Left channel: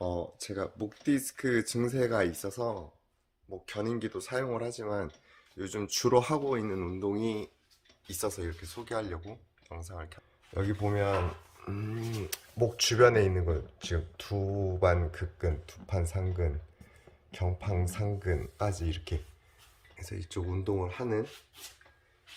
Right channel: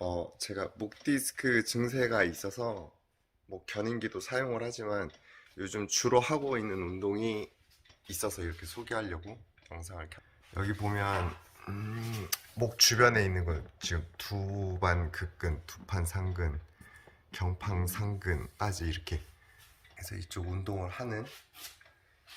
어, 제가 목 디스크 증세가 있어서 목 견인기도 사용을 하지만 요즘 주로 하고 있는 운동이 있어서 이렇게 소개하려고 영상을 켰. 여기 보면 음, 목 주변에 있는 거 지금 두반 극근, 두판 상근, 경팡 상근까지 이렇게 해서 이쪽 운동을 하는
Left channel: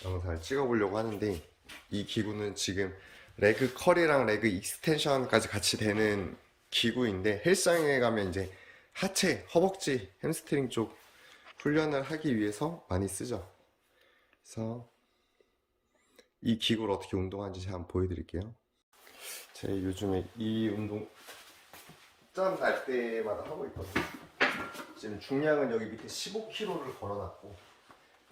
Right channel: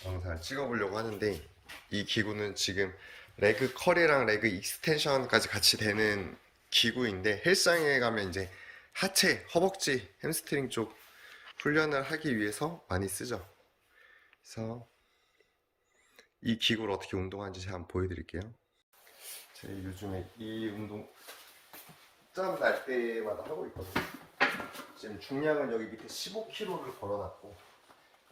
영상을 찍어보려고 하는데 이 기구는 지금 레그 컬이랑 레그 익스텐션까지 같이 되는 기구인데 헬스장에 가면 이제 하체, 허벅지, 햄스트링 쪽 훈련을 하기 위해서 많이 쓰죠. 그래서 이 기구를 어떻게 운동하는지 제가 한번 보여드릴게요. 제가 요즘에 이 운동 짬 날 때마다 하고 있거든요. 지금 중량은 여기 밑에 15kg를 걸어놨고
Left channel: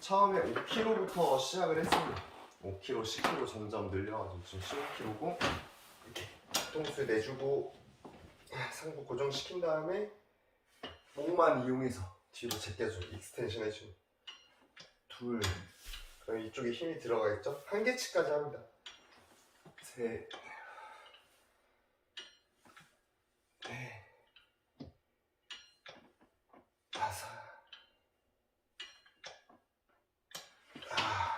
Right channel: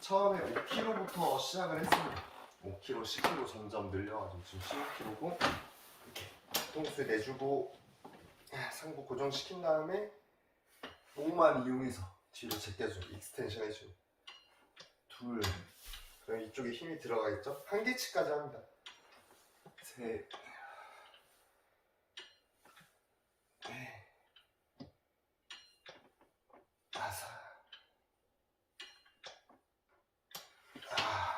처음에 5kg부터 시작을 했습니다. 5kg, 10kg 점점 늘려가지고 지금 15kg고 이렇게 통수 내주고 상부 고정시킨 다음에 목만 이용해서 뒤로 제껴주고 익스텐션 해주고 둘 그럼 이쪽에 힘이 들어가겠죠? 한 개치까지 합니다. 셋 넷, 다섯, 아,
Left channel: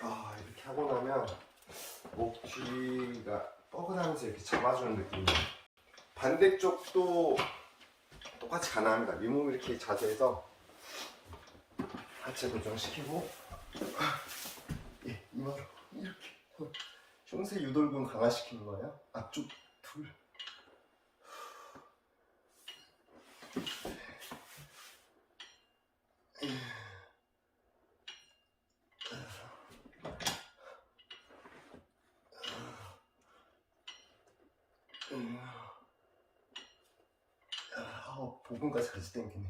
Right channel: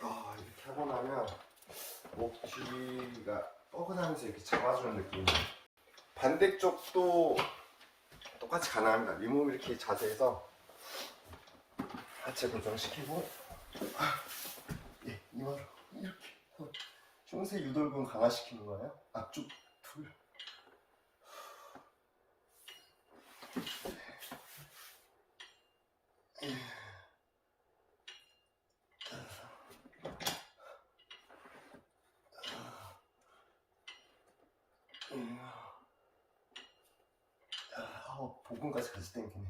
아, 이렇게 하고 나면 목 뒤가 뻐근하면서 이렇게 잡아주는 느낌이에요. 반대쪽도 똑같이 가능합니다. 윗몸 이렇게 자세해서 하체 고정시키고 예, 이마로 이렇게 흉쇄 유돌근 강화시키는 거예요. 앞쪽 둘 어, 복근까지 같이 당기네.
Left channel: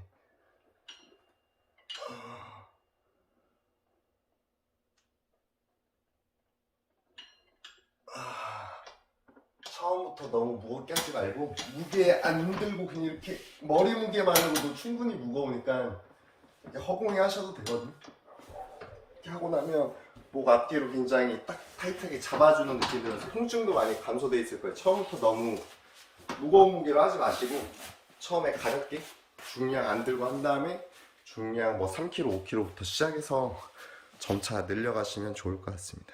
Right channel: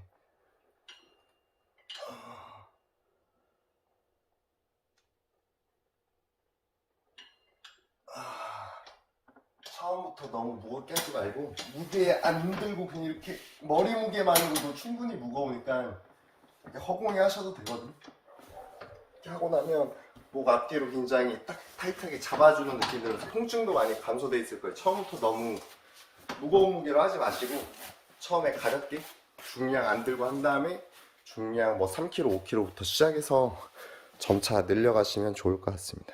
처음부터 너무 무겁게 하지 말고 무게 안 들고 그냥 이렇게 머리 무게만으로도 충분히 무거우니까 허공에 하셔도 되거든. 이렇게 하고 나면 목 앞뒤로 굉장히 딱 타이트하게 잡아주는 느낌이 들어서 통증도 많이 감소돼 있을 거예요. 처음부터 너무 무거운 무게로 하지 마시고 처음에 가볍게 중량 안 들고 한 다음에 중량 뭐 3kg, 5kg부터 시작해서 점차 늘려가시면 좋을 것 같습니다.